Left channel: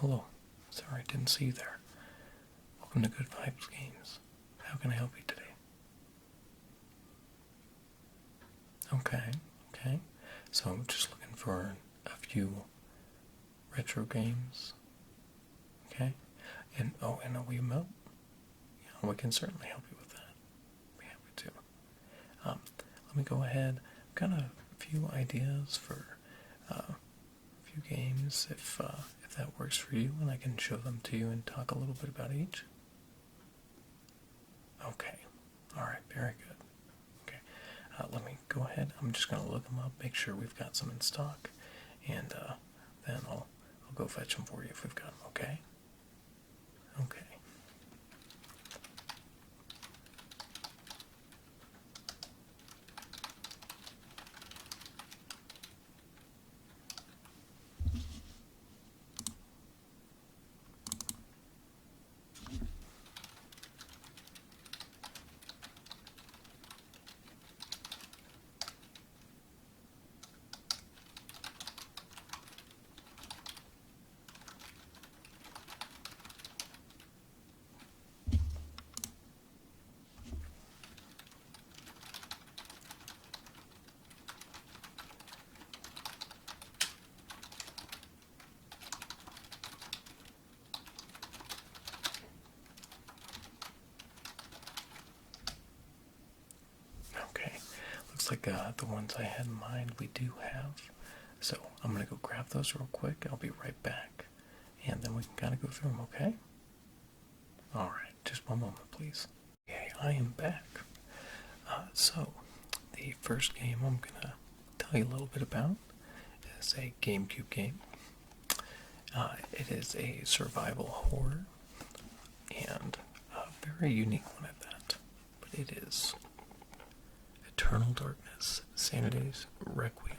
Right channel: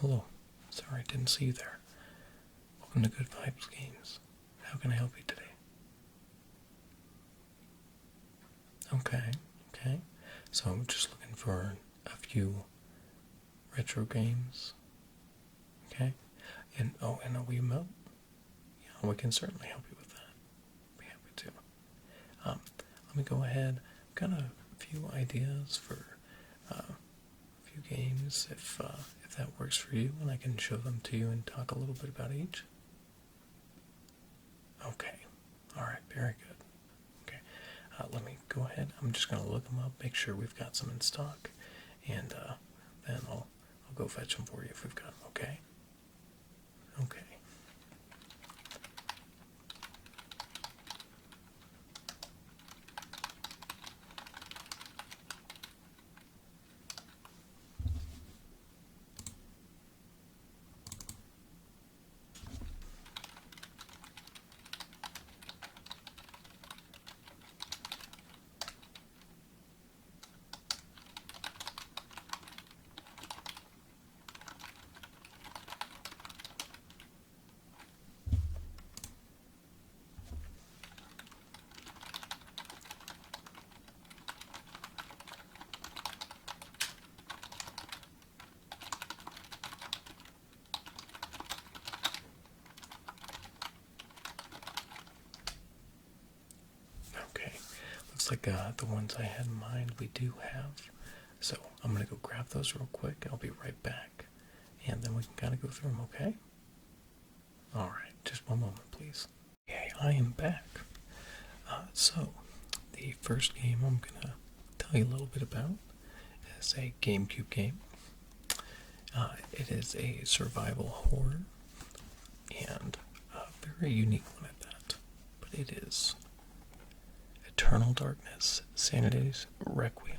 Hello. Sorry, I didn't see you there. Welcome to Good Vibes Games. How can I help you today? Okay. So I'm just looking for a few retro games. Okay? And a Wiimote? Yeah, we can certainly help you with that. Be happy to. Let me go ahead. I've got a few ideas for a few games if that works for you, and I can show them to you and talk a little bit about each. Okay. All right. Very good. Okay. Let me go ahead. I'm just going to look them up, make sure we've got some in stock, and then I'll go fetch them for you if we've got them. Okay. Okay. Okay. Looks like the ones I had in mind we do have. So I'm going to go grab those real quick. I'll be right back. And then we can kind of go through them, okay? All right. Just one moment, please. Okay, I am back. So, the first game I'm going to tell you a little bit about is a GameCube game. It is a survival horror, and a very unique one at that. But it is Eternal Darkness, Sanity's Requiem.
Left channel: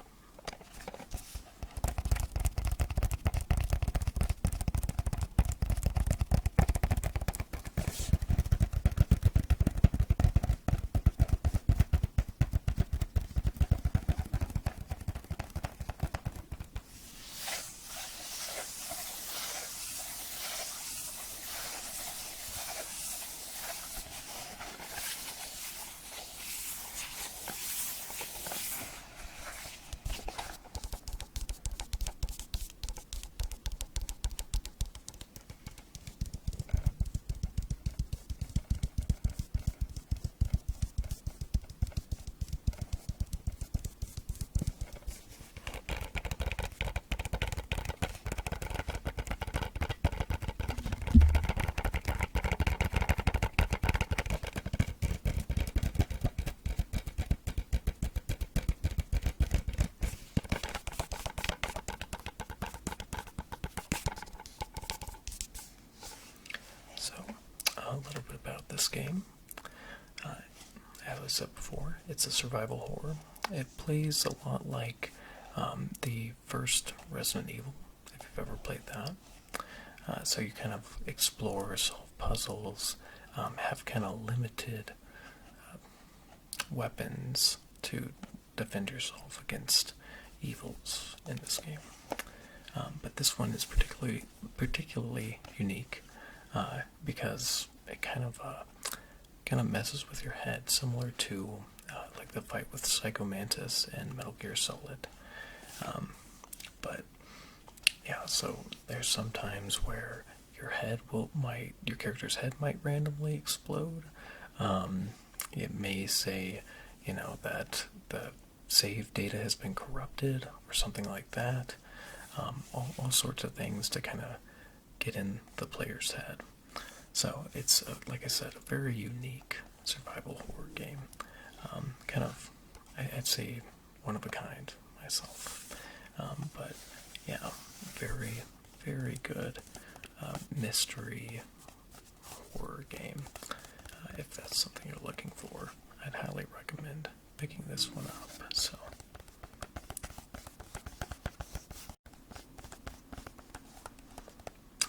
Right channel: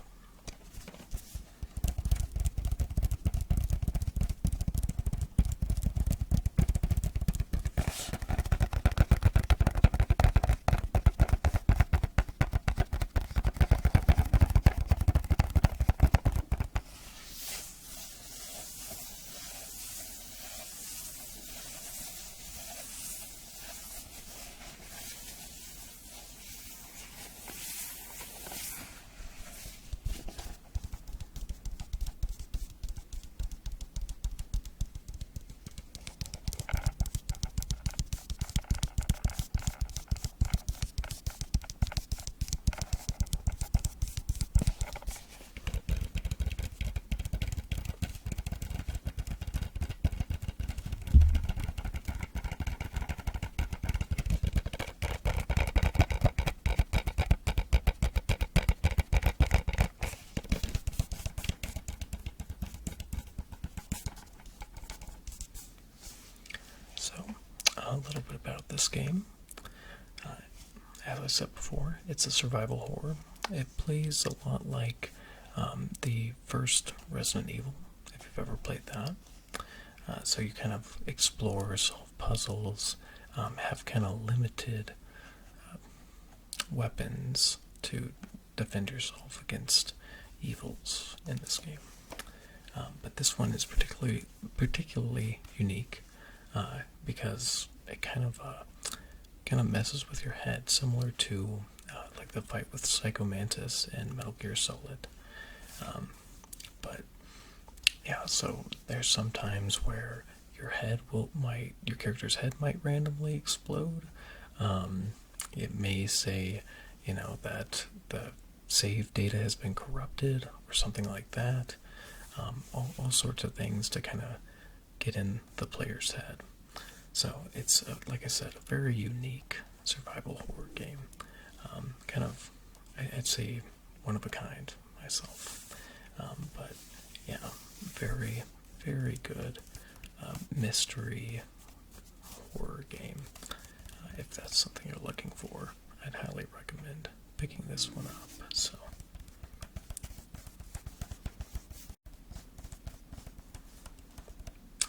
So, a little bit about this game. As I said before, it's a survival horror. It plays a lot like the first Resident Evil, if you've ever played that. So you kind of explore, solve puzzles, have kind of limited weapons to defend yourself against evils in this game. But this one is particularly unique because it kind of messes with your head, similar to like the fight with Psycho Mantis and Metal Gear Solid. But yeah, so there's some times where your character's head might randomly explode. It may say, that the save data has been corrupted or something like that. All sorts of things to kind of get in the player's head. So it's, like I said, a very unique survival horror game. I'd say one of a kind myself. But yeah, very, very good mystery horror game. If that's something you're looking for, I'd highly recommend picking this one up. So.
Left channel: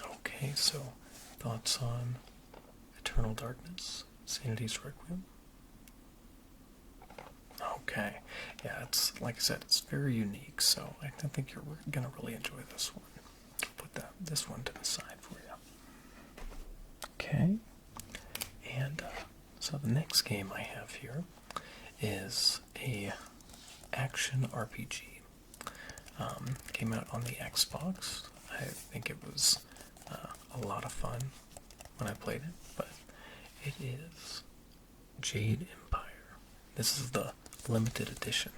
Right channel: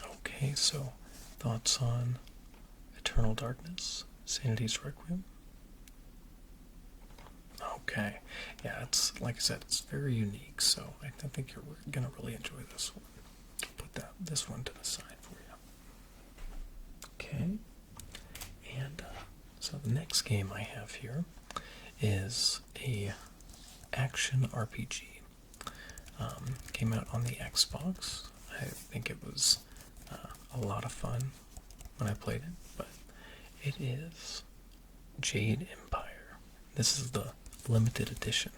Okay, so thoughts on Eternal Darkness, Sanity's Requiem? Okay, yeah, it's like I said, it's very unique, so I think you're gonna really enjoy this one. Put this one to the side for you. Okay, and so the next game I have here is a action RPG. Came out on the Xbox. I think it was a lot of fun when I played it, but it is Jade Empire. This is the limited edition.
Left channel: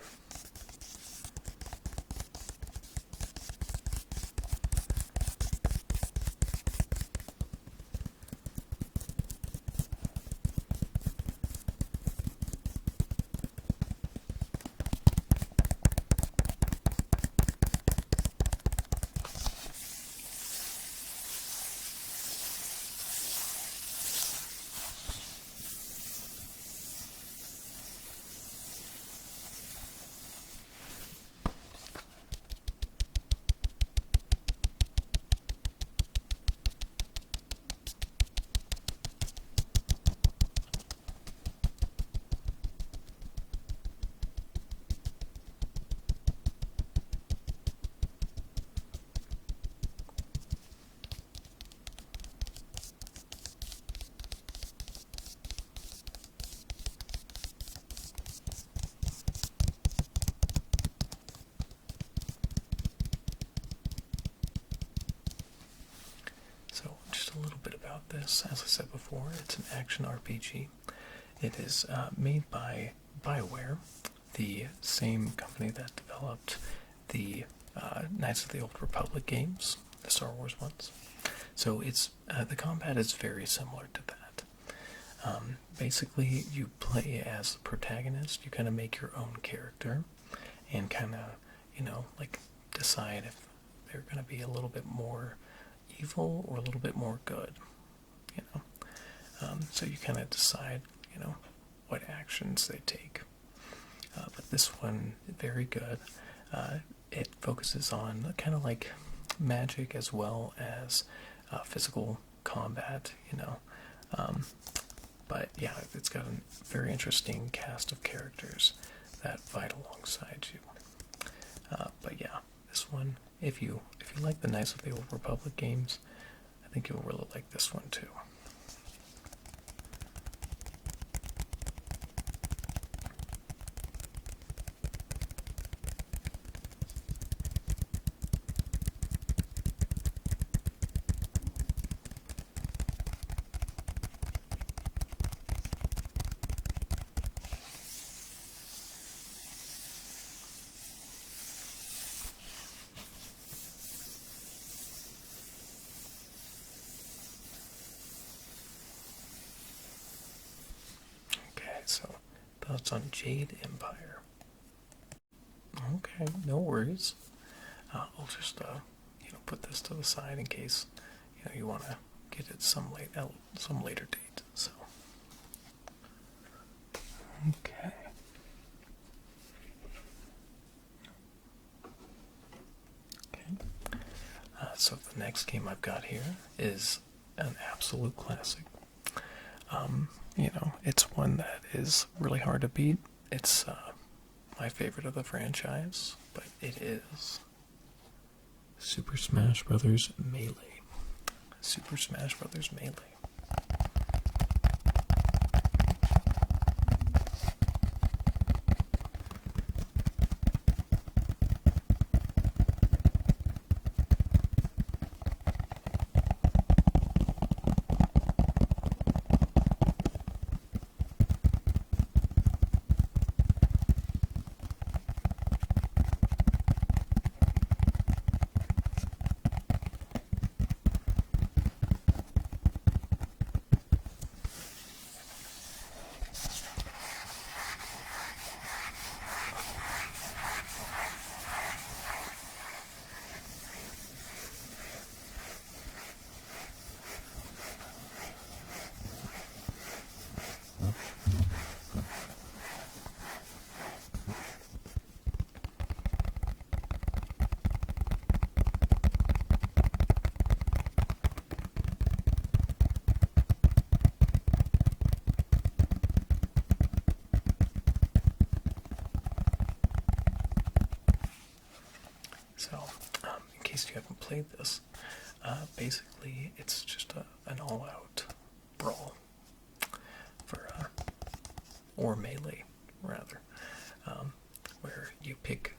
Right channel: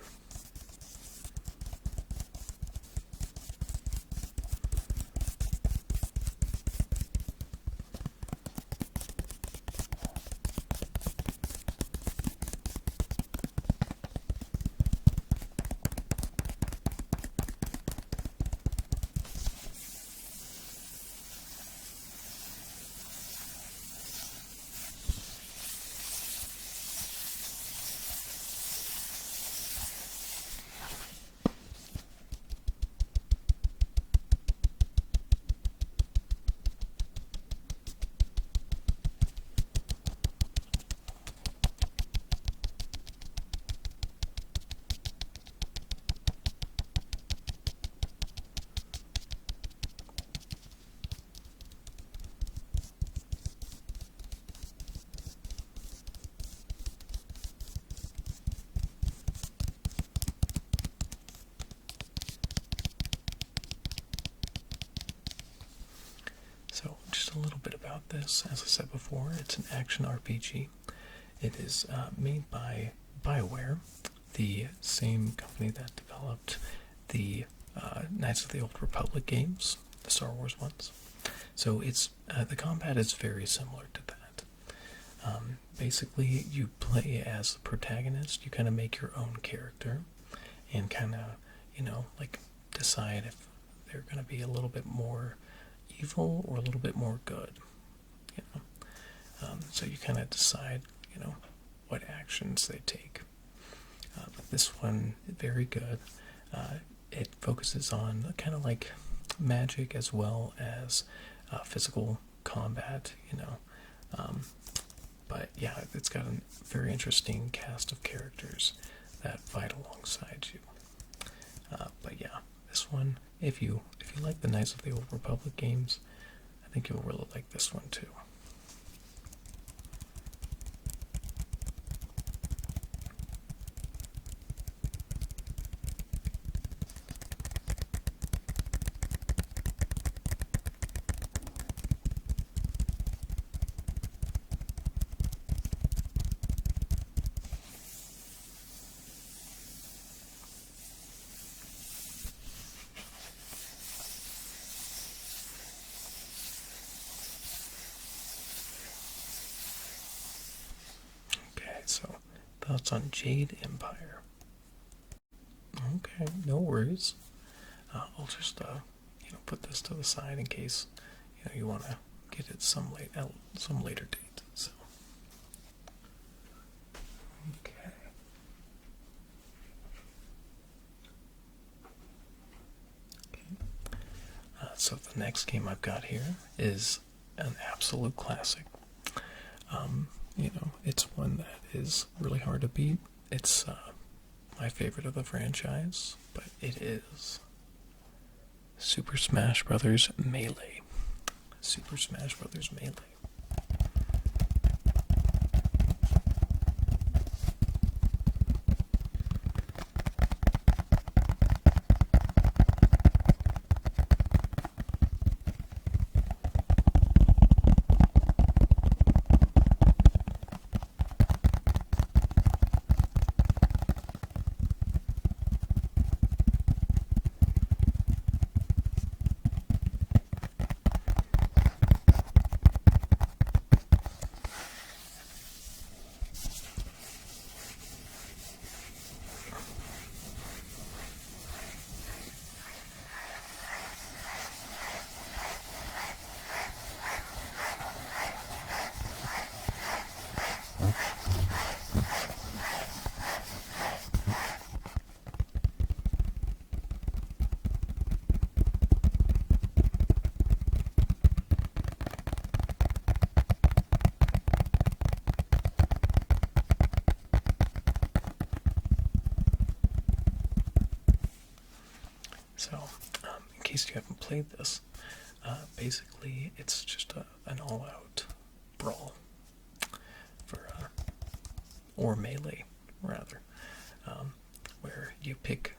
So, just a little bit about this. As I said before, it's an action RPG. It is made by BioWare, the same company that developed the Knights of the Old Republic games, the Star Wars ones. So it's the combat is very similar to that. Basically, you play as the protagonist. You kind of make your own character, and kind of, like decide if they're going to be a little bit more evil or a little bit more good. So you kind of decide, what actions they take. But this one, very good. It focuses on kind of like magic as well as physical combat, but yeah, it's got a very interesting cast of characters that fight alongside you. But yeah, this one, if you like the Knights of the Old Republic games, I think you'll really like this one too. So, thoughts on Jade Empire? Okay, no worries. I'll just put this to the side in case you want to get it some later date. So, okay. So the next game I've got here is an absolute classic. It's one that is really hard to beat. It's my favorite of the franchise, but it is Super Smash Bros. Melee. Super Smash Bros. Melee. So, in case you haven't played this, Basically, it's just an all-out brawl for, or melee, rather, where you pick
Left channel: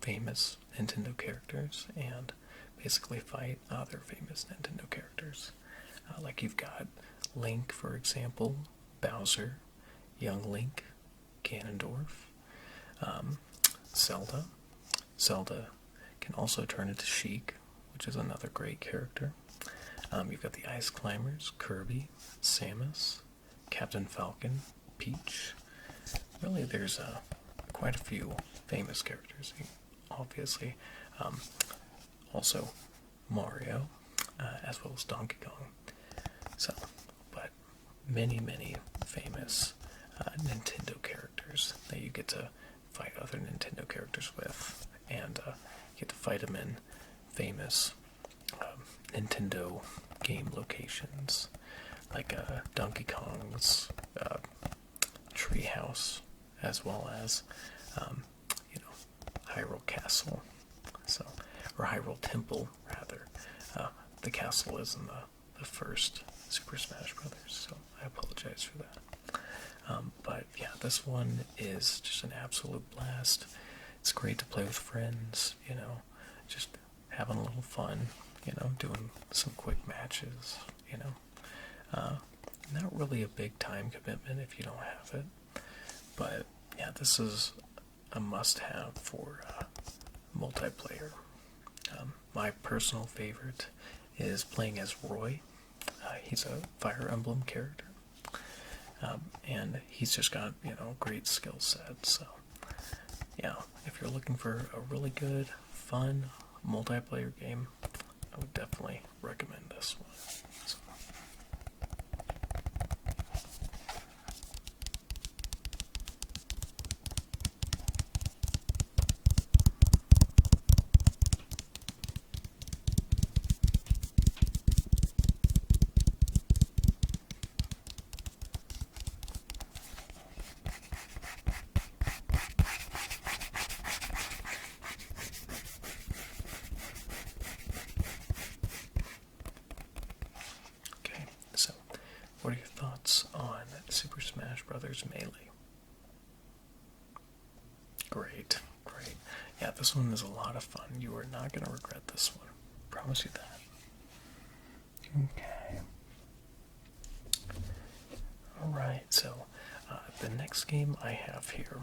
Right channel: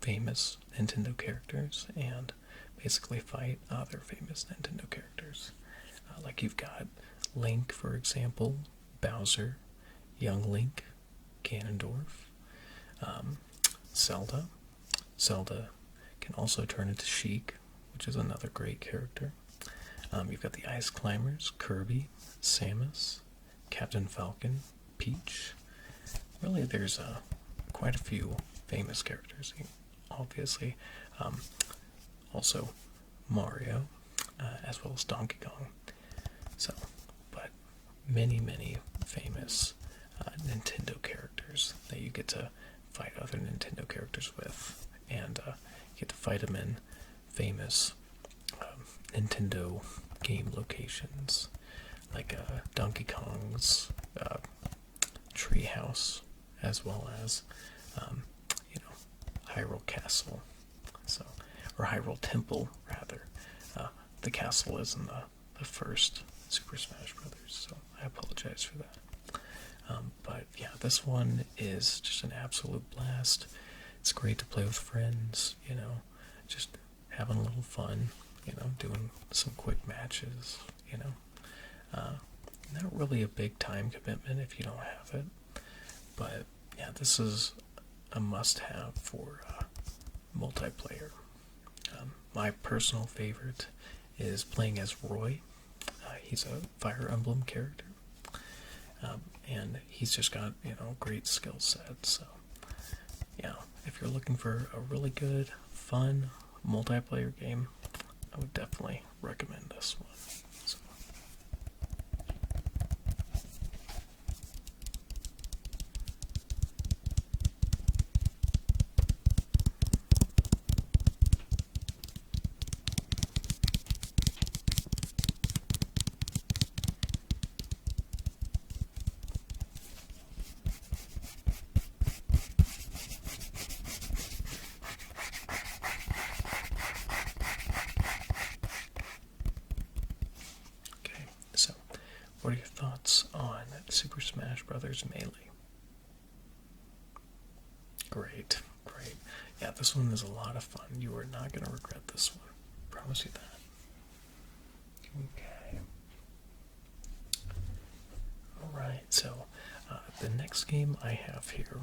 famous Nintendo characters and basically fight other famous Nintendo characters. Like you've got Link, for example, Bowser, Young Link, Ganondorf, Zelda. Zelda can also turn into Sheik, which is another great character. You've got the Ice Climbers, Kirby, Samus, Captain Falcon, Peach. Really, there's quite a few famous characters. Obviously, also Mario, as well as Donkey Kong. So, but many famous Nintendo characters that you get to fight other Nintendo characters with, and you get to fight them in famous Nintendo game locations, like Donkey Kong's treehouse, as well as Hyrule Castle. So, or Hyrule Temple, rather. The castle is in the first Super Smash Brothers, so I apologize for that. But yeah, this one is just an absolute blast. It's great to play with friends, just having a little fun, doing some quick matches, Not really a big time commitment if you don't have it. But yeah, this is a must-have for multiplayer. My personal favorite is playing as Roy. He's a Fire Emblem character. And he's just got, a great skill set. So, yeah, if you're looking for a really good, fun multiplayer game, I would definitely recommend this one. So. So, what are your thoughts on Super Smash Bros. Melee? Great. Yeah, this one is a lot of fun. You are not going to regret this one. Promise you that. Okay. Alright, so the next game I have here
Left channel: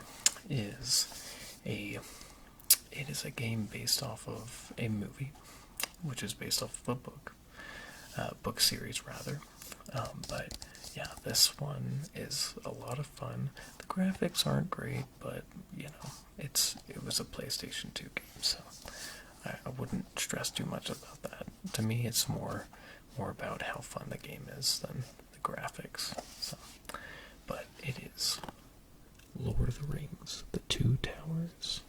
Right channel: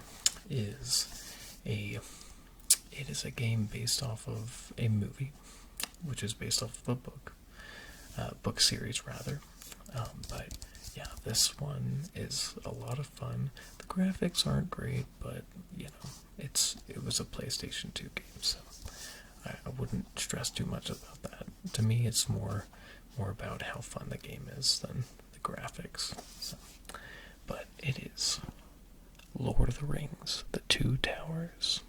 is it is a game based off of a movie, which is based off of a book series rather. But yeah, this one is a lot of fun. The graphics aren't great, but it was a PlayStation 2 game, so I wouldn't stress too much about that. To me, it's more about how fun the game is than the graphics. So, but it is Lord of the Rings: The Two Towers.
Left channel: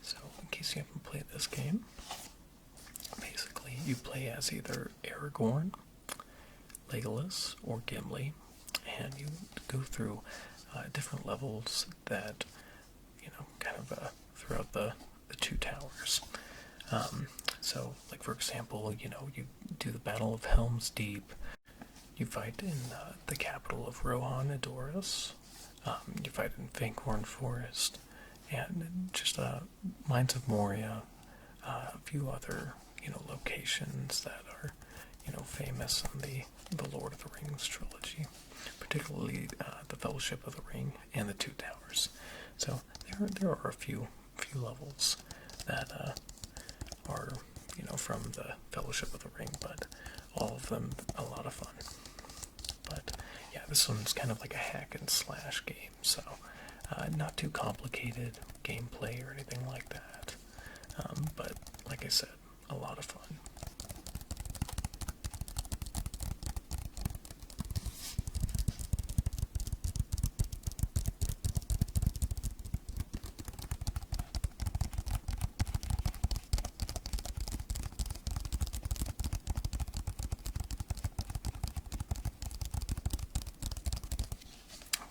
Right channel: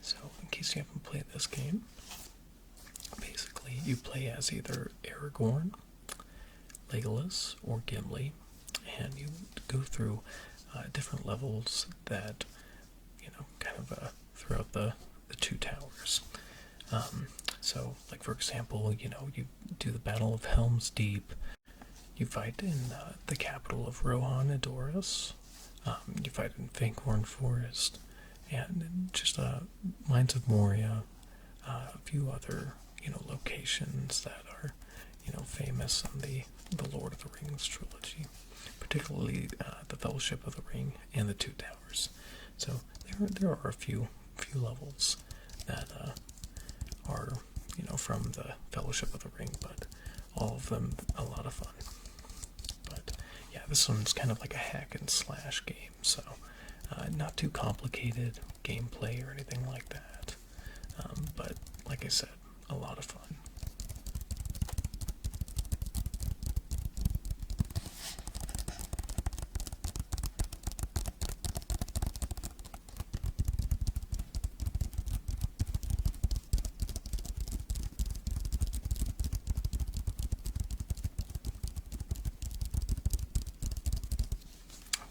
So, in case you haven't played this game, basically you play as either Aragorn, Legolas, or Gimli, and you go through different levels that, kind of throughout the two towers. So, like for example, you do the Battle of Helm's Deep, You fight in the capital of Rohan Adoris. You fight in Fankhorn Forest, and just Mines of Moria, a few other locations that are famous in the Lord of the Rings trilogy, particularly the Fellowship of the Ring and the Two Towers. So there are a few levels that are from the Fellowship of the Ring, but all of them a lot of fun. But yeah, this one's kind of like a hack and slash game, so not too complicated gameplay or anything like that. But like I said, a lot of fun.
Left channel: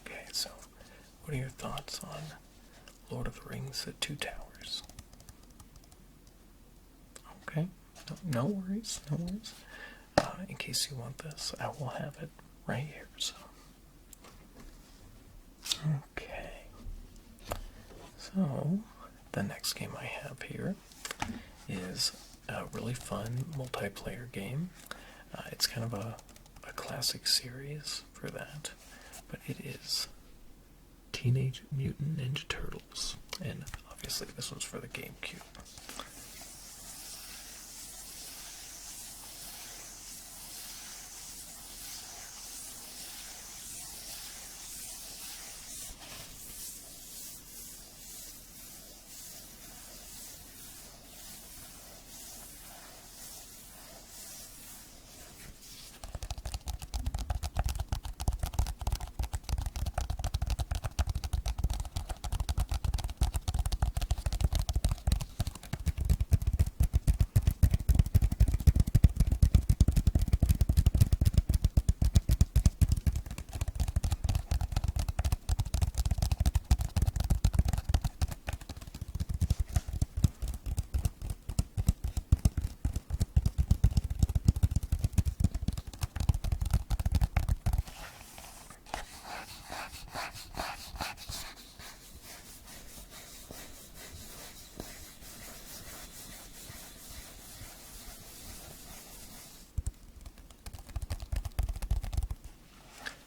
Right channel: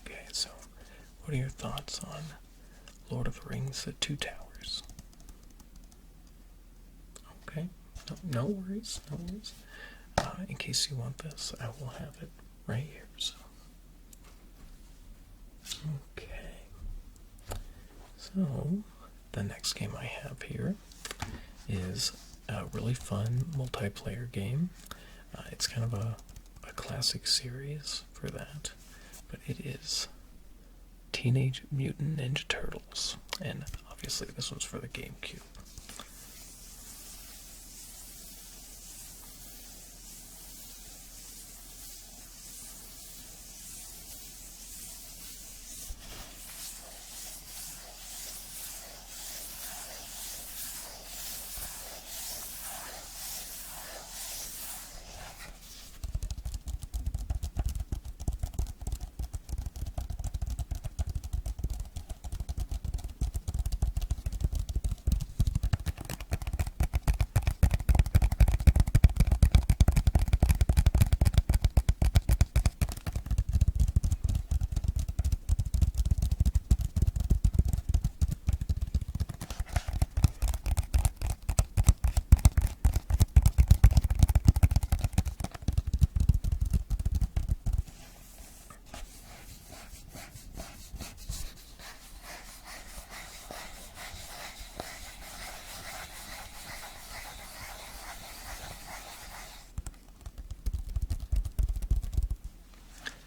Okay, so what are your thoughts on Lord of the Rings: The Two Towers? Okay, no worries, no worries. In case you want this, I will have it right here. So, okay. So, the next game I have here is a really fun multiplayer game. It's kind of a classic series for that, but it is Teenage Mutant Ninja Turtles, and obviously this one's for the GameCube.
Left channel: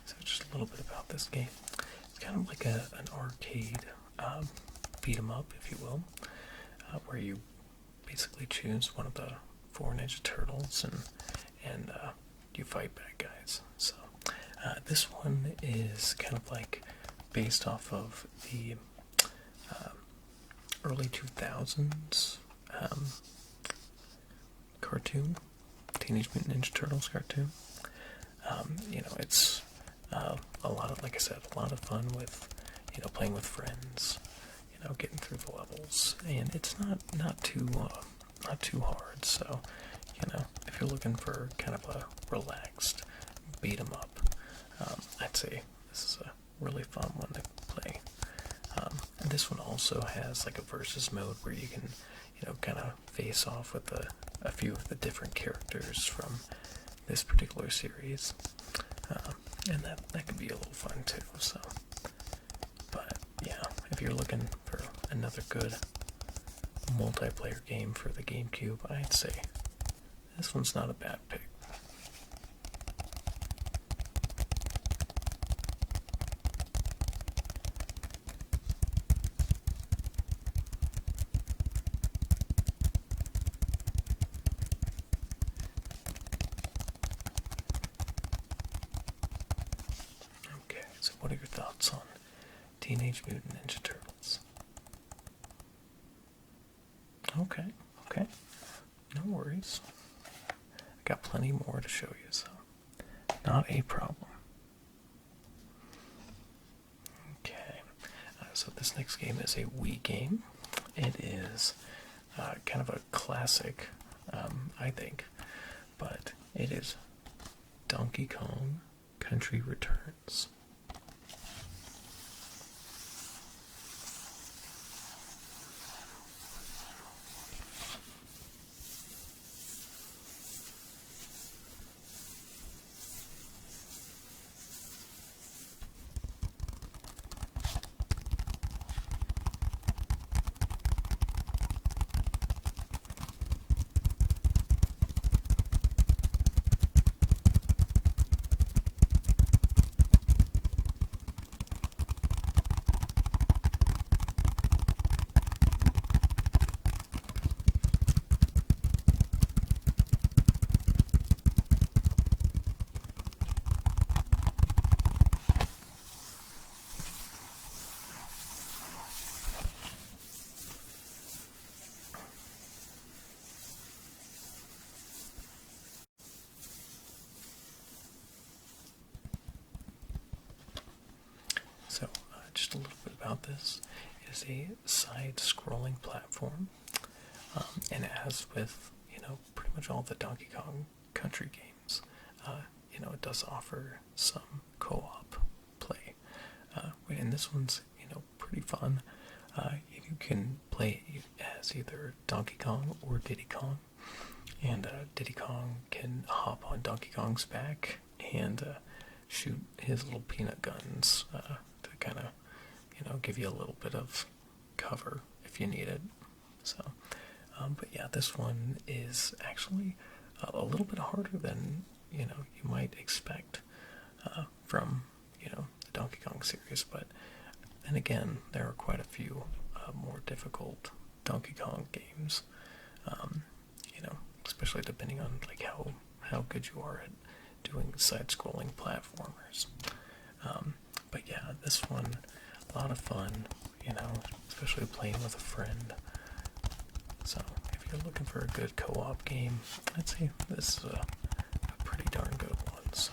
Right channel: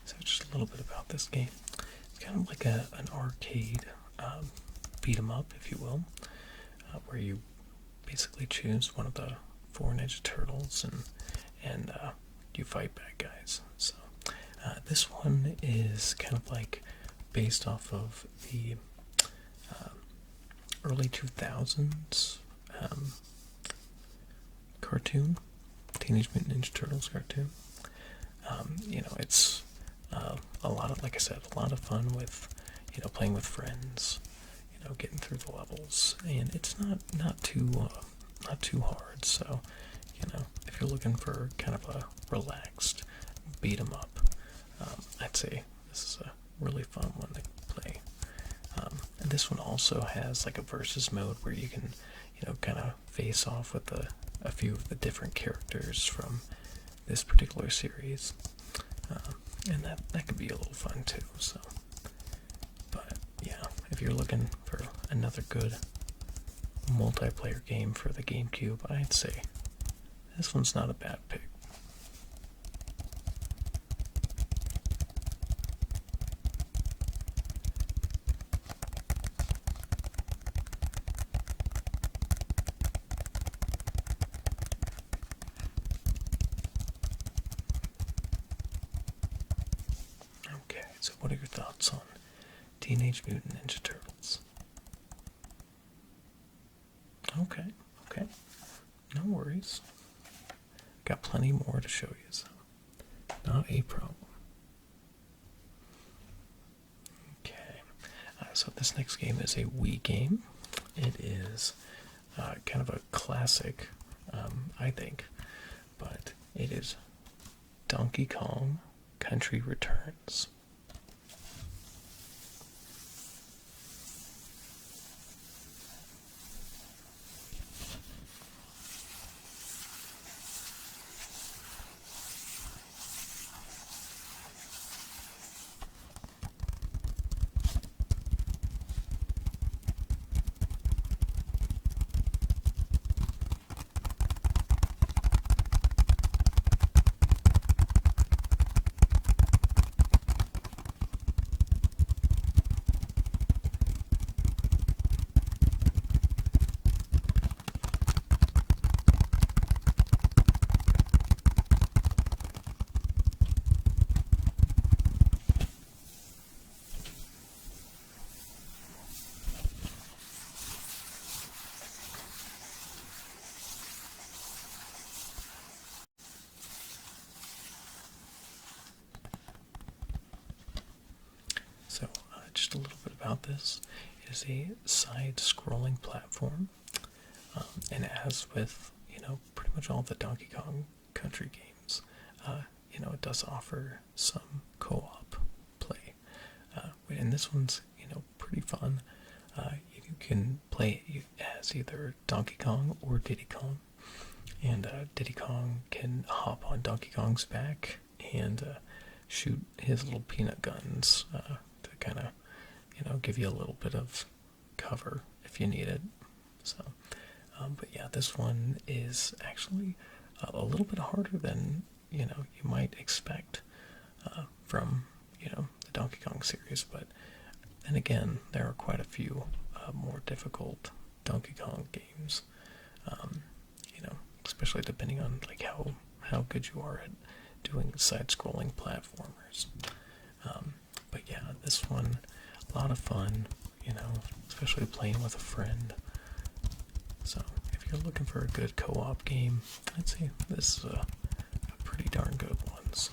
So just a little bit about this game. It's kind of like an arcade beat 'em up, if you will, where you basically choose one of the four Ninja Turtles and you fight bad guys. So this one is kind of like based off of the early 2000s cartoon, Teenage Mutant Ninja Turtles cartoon. It's a lot of, like I said, a lot of fun with, playing with friends, getting through the levels, and it's not too hard. So, if you're looking for kind of a relaxed beat 'em up, I'd say this is a really fun one to play. And this one also has like a versus mode where you can, kind of face off with a few of the different characters from this particular series. And that could be a little fun too. So, but yeah, if you're looking for another good multiplayer game for the GameCube, I'd say this one's not a bad pick. Okay, so what are your thoughts on Teenage Mutant Ninja Turtles? Okay, no worries. I got plenty more to show you, so not a problem. Okay, so this next game is a Wii game. It is kind of a classic, I think, but it is Donkey Kong Country Returns. just a little bit about this. It is a side-scrolling platform, and as with pretty much all the Donkey Kong Country games, it does offer some co-op play. And this one's pretty fun. You can play it as either Donkey Kong or Diddy Kong, and Diddy Kong can hop on Donkey Kong's back and shoot his little peanut guns to kind of give you a little bit of cover if you need it. So, but yeah, this one is actually a little bit harder than you might expect from the Donkey Kong series. But then again, there are quite a few more difficult Donkey Kong games. Especially depending on like how good you are at doing side-scrolling platformers. But yeah, this one, a lot of fun, especially playing with a friend. So if you're looking for a good co-op game, I'd say this is a pretty darn good one. So.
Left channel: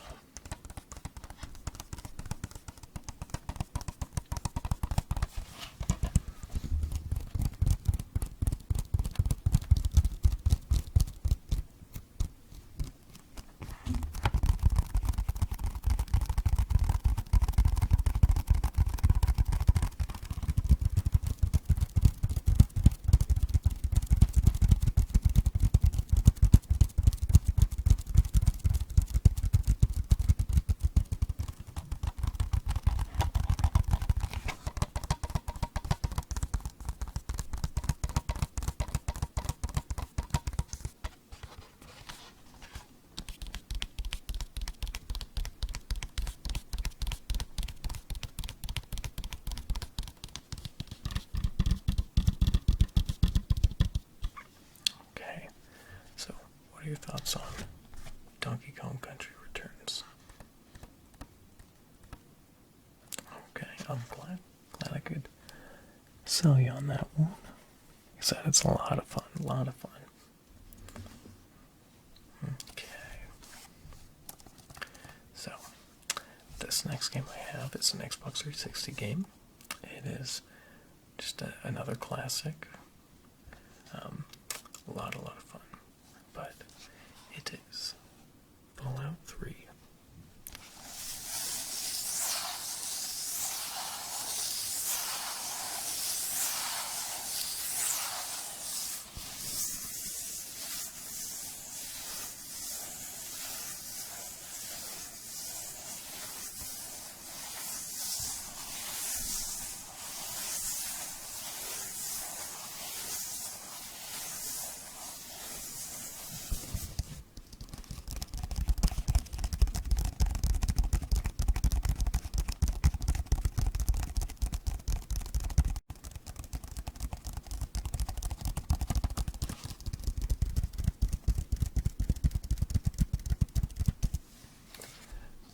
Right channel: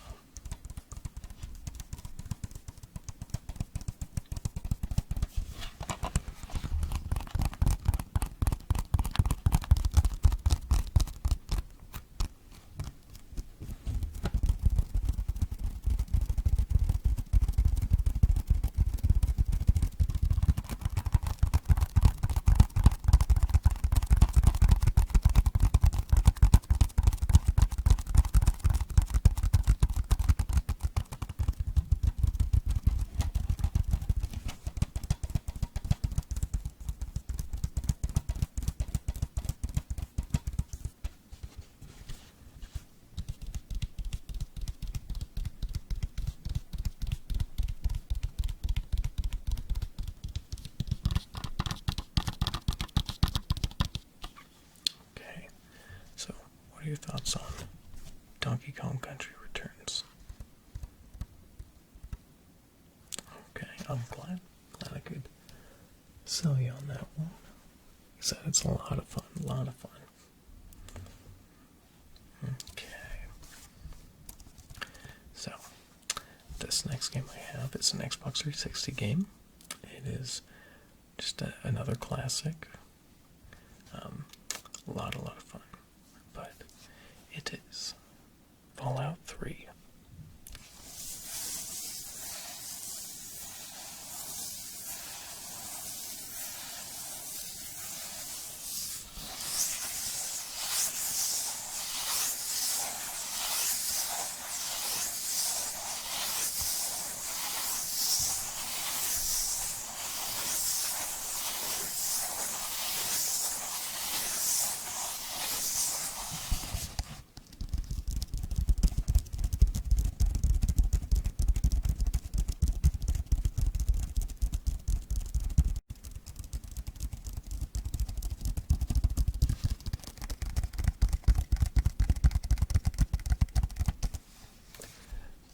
What are your thoughts on Donkey Kong Country Returns? Okay, I'm glad I could sell you on that one. Like I said, it's a lot of fun, Okay. So, this next game I have is an Xbox 360 game. It is just another classic. A lot of fun. But it is Fallout 3.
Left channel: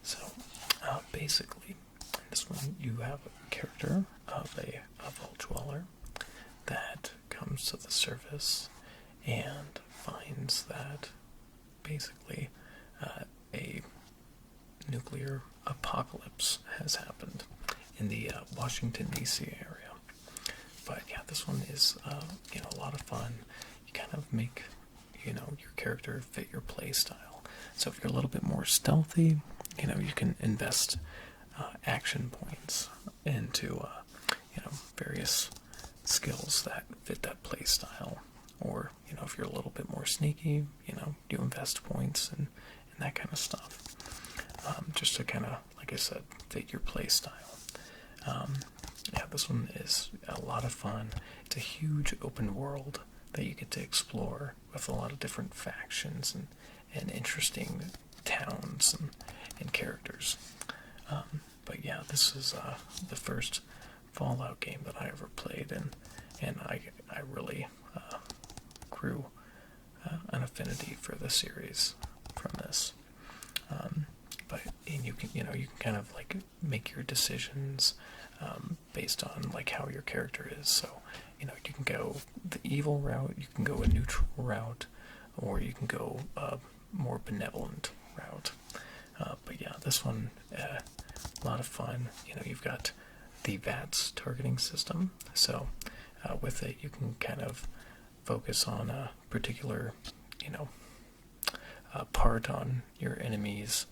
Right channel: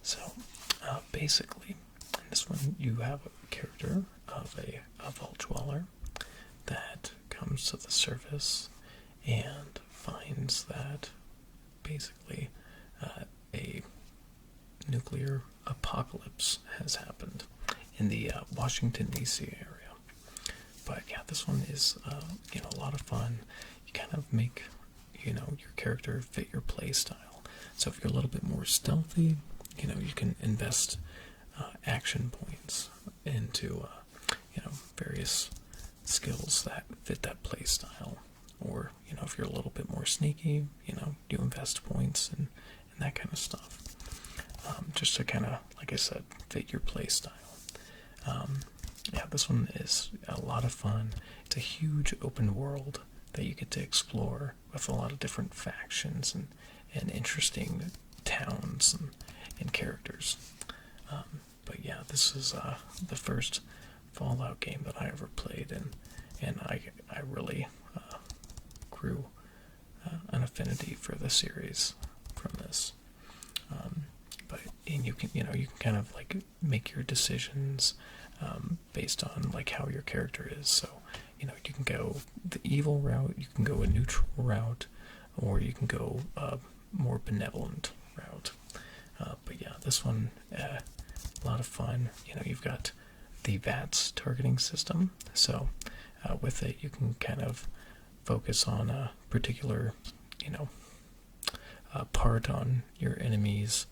So, basically, in this one, you have a character of a vault dweller that comes to the surface and finds that basically a nuclear apocalypse has happened in the Washington, D.C. area. But yeah, this one is a lot of fun. You kind of make your character fit your play style. So if you're a little bit more stealthy, you can invest action points into various skills that fit that play style. Or if you're a little bit more sneaky, you invest points and that kind of stuff. Just to kind of, like I said, fit your play style. Yeah, this one is a lot of fun. It's a huge open world that you get to explore with a lot of different factions and interesting towns and characters. But yeah, this is the first Fallout game that I ever played, and I really grew an affinity for the series from this. And you can kind of like make your decisions based on like how your character is. So you can go the evil route, you can go a neutral route, or you can go a more benevolent route. But yeah, this one a lot of fun. You've got the VATS targeting system. So with it, you can kind of focus on a particular, part on your enemy's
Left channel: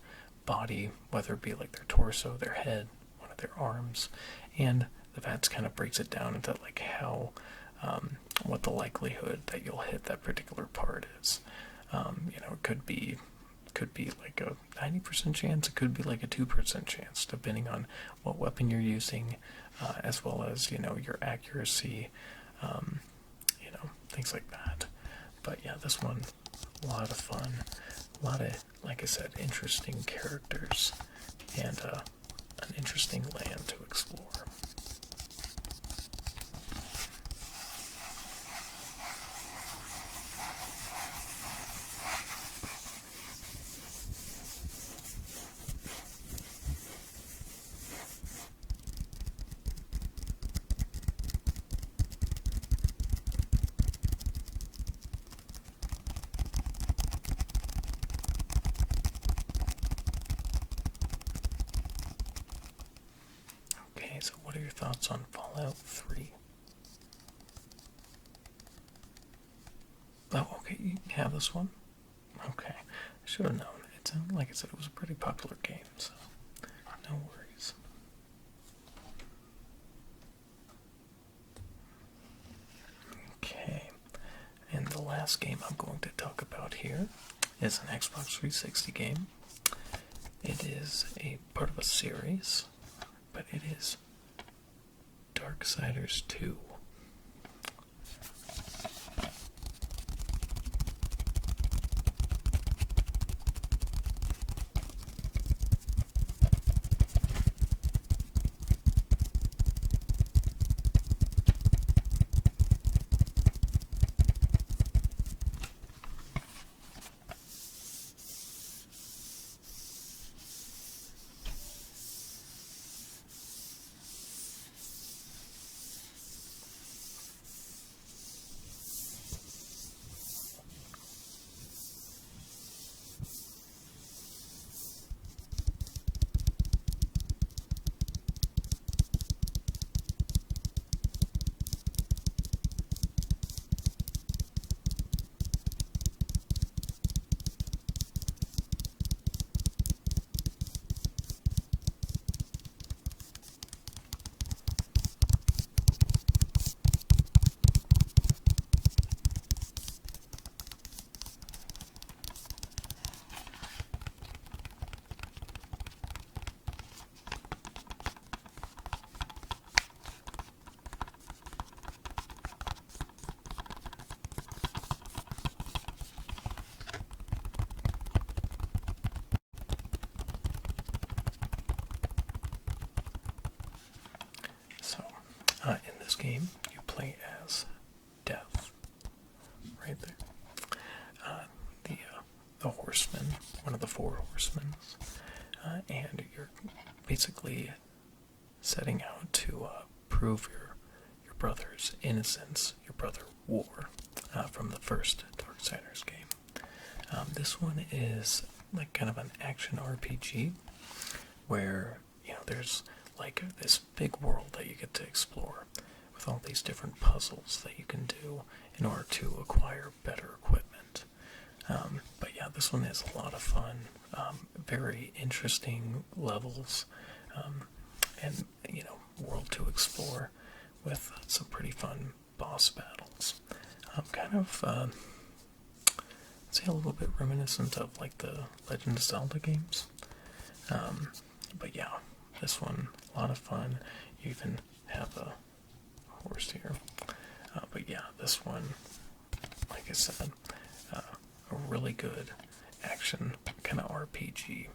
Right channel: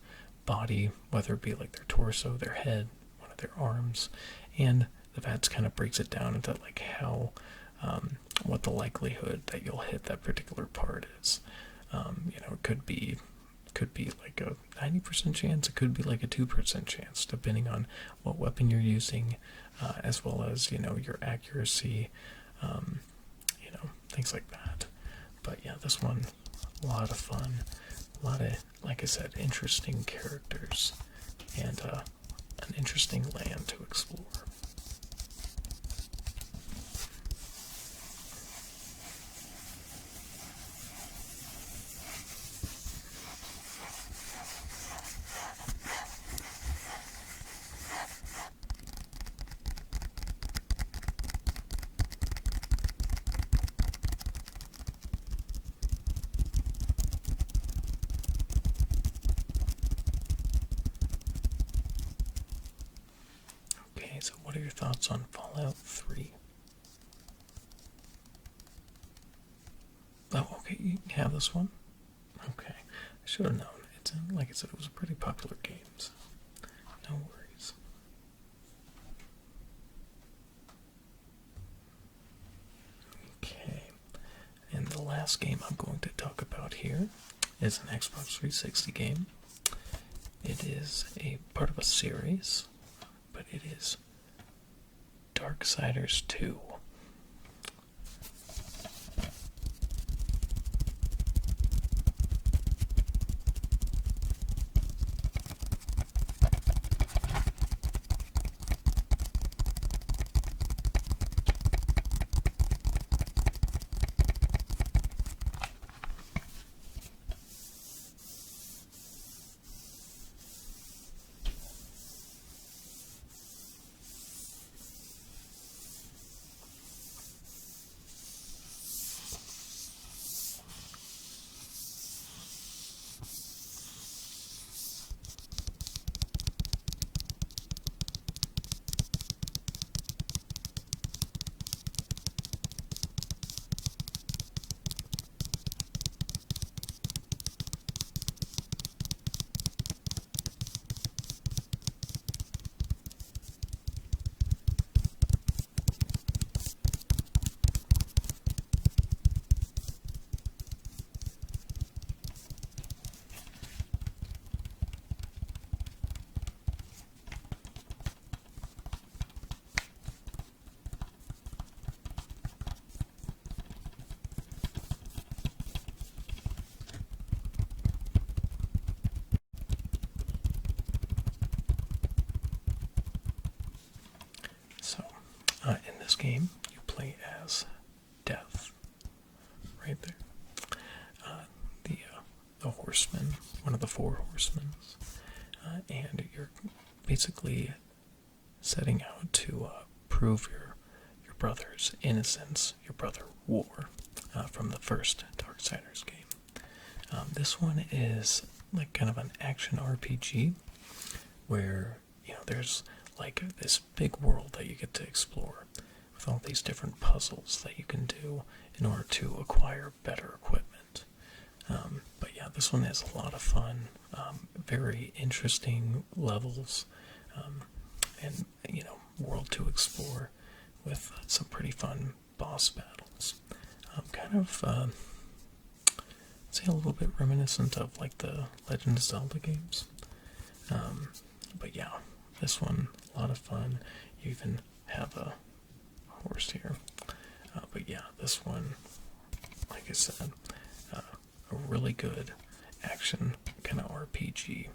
body, whether it be like their torso, their head, one of their arms, and the VATS kind of breaks it down into like how, what the likelihood that you'll hit that particular part is. It could be like a 90% chance, it could be like a 2% chance, depending on what weapon you're using, as well as, your accuracy, things like that. But yeah, this one, a lot of fun, a lot of, like I said, interesting characters, and an interesting land to explore. Okay, so what are your thoughts on Fallout 3? Oh, okay, you have this one? Okay, I should have known. It's, like I said, it was a pretty popular game, so no worries. Okay, and the last game I'm going to talk about here is an Xbox 360 game. It is a part of a series, but it is Darksiders 2. So, in this game, you play as Death, right there. The horseman, one of the four horsemen, and you're basically setting out to prove your brother's innocence, your brother War, from the first Darksiders game. This one is like kind of an action RPG where there's like this big world that you get to explore with all these different puzzles that you can do in order to acquire better equipment. But yeah, this one is a lot of fun, very interesting levels, and world to explore with some pretty fun boss battles. Kind of, say a little bit reminiscent of like the Legend of Zelda games. But yeah, this one, a lot of fun. You even have a horse here. But yeah, this one, like I said, a really good action kind of RPG.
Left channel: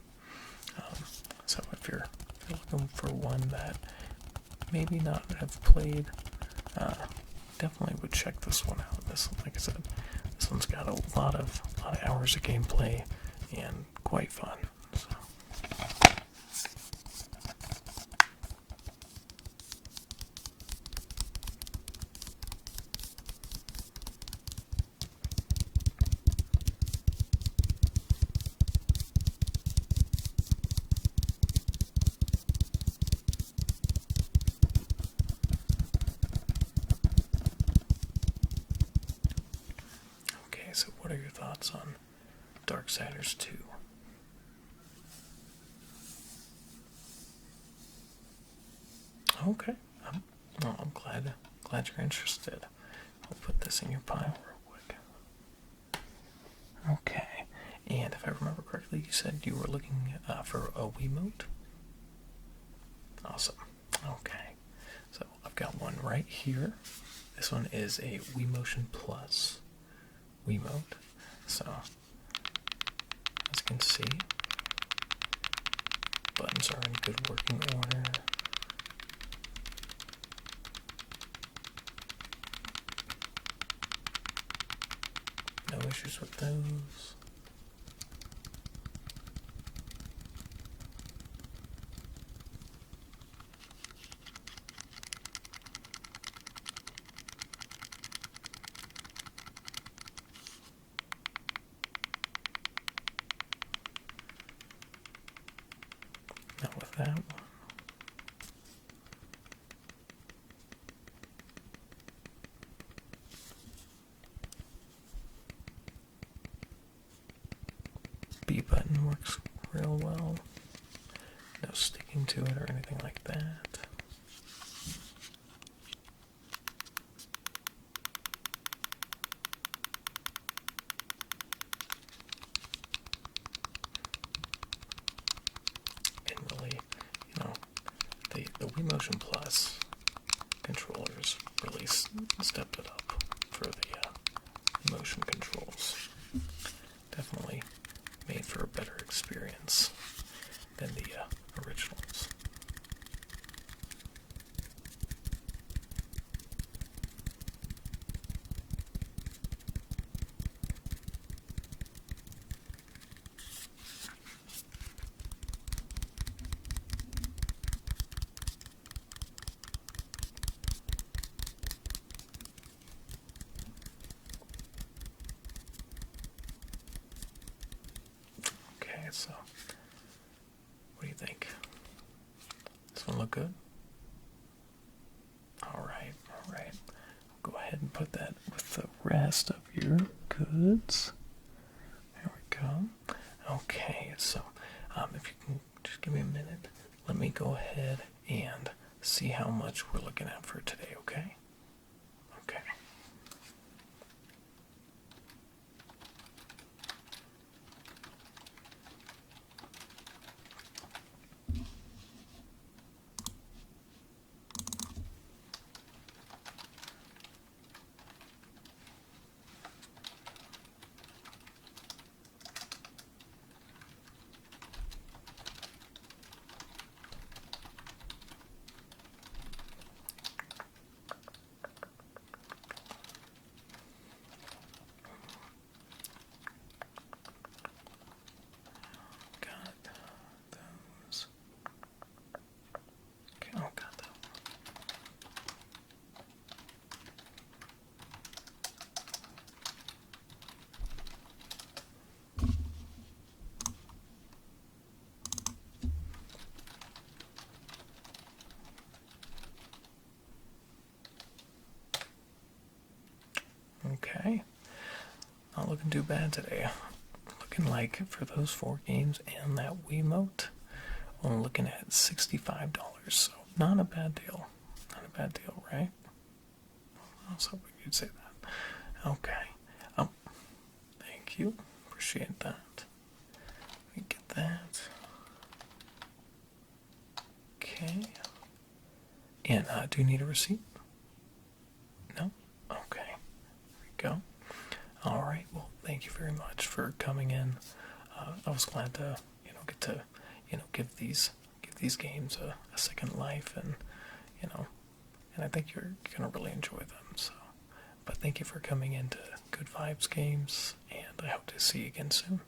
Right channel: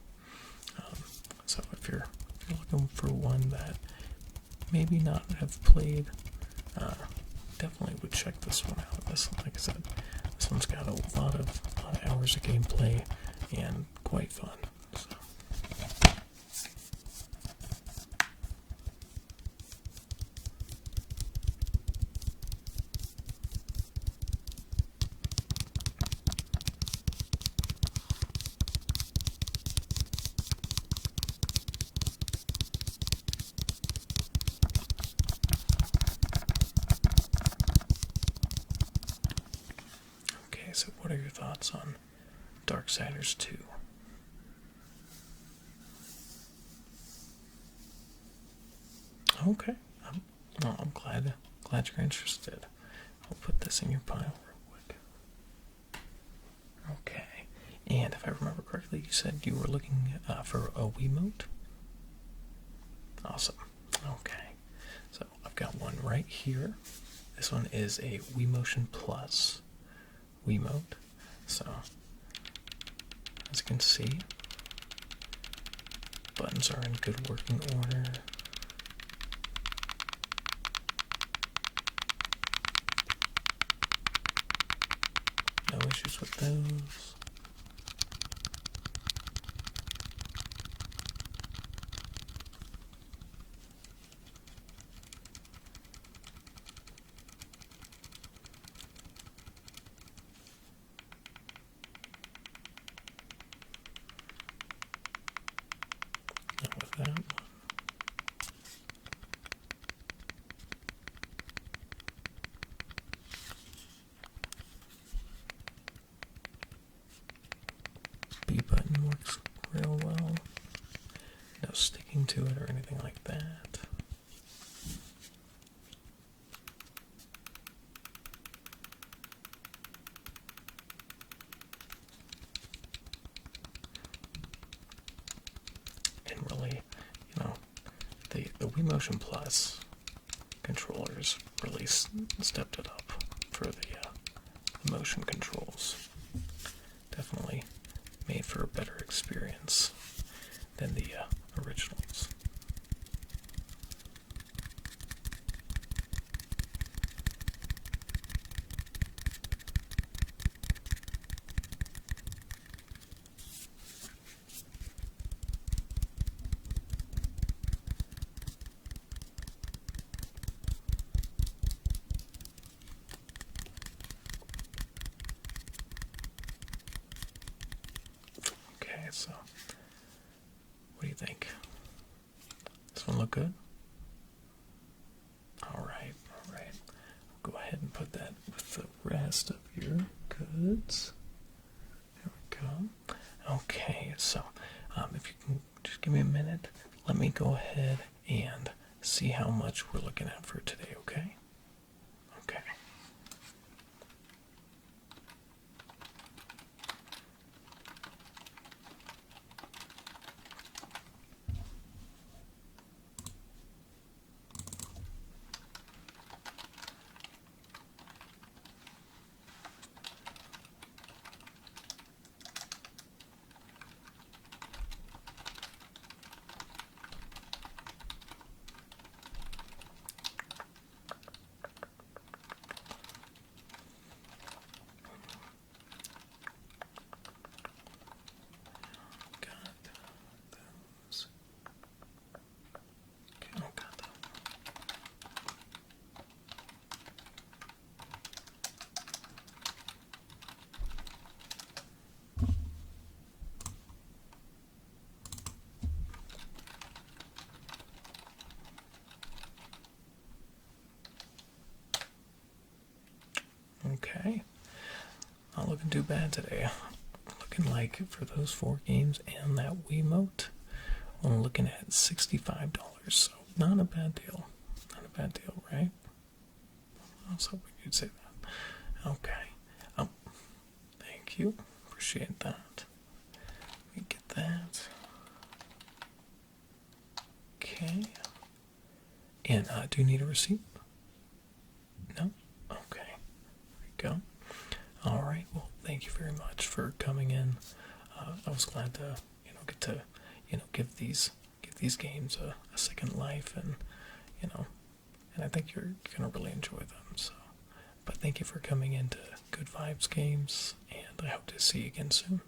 So if you're looking for one that maybe not have played, definitely would check this one out. This, like I said, this one's got a lot of hours of gameplay and quite fun. So. so what are your thoughts on Darksiders 2? Okay. I'm glad you're interested. I'll put this in your pile real quick. Okay. And if I remember correctly, you said you were looking for a Wiimote? Awesome. Okay. So I've got one right here. This one is a WeMotion Plus Wiimote. So, as you can see, buttons are in good working order. No issues with those. Not with that one. B button works real well. No sticking to it or anything like that. And really, the WeMotion Plus controllers really stepped it up for the motion controls. Definitely made for a better experience than the originals. Okay, so what do you think? This one look good? Alright. I'll go ahead and put that with the rest of your goods. There we go. Okay, so if you can just give me a minute, let me go ahead and see how much we're looking at for today, okay? Okay. Okay. Not looking too bad today. Looking like for those 4 games and that Wiimote, I'm looking at $65. So not a bad deal. Not a bad deal, right? I was hoping you'd say that. Okay. Thank you. Appreciate that. Let me get that. Okay. And do you need a receipt? No? Okay. There we go. All right. Well, thank you very much for coming in. I was glad to, get to, give these games a second life, and I think you're gonna really enjoy them. So, but thank you for coming into Good Vibes Games, and I hope to see you again soon.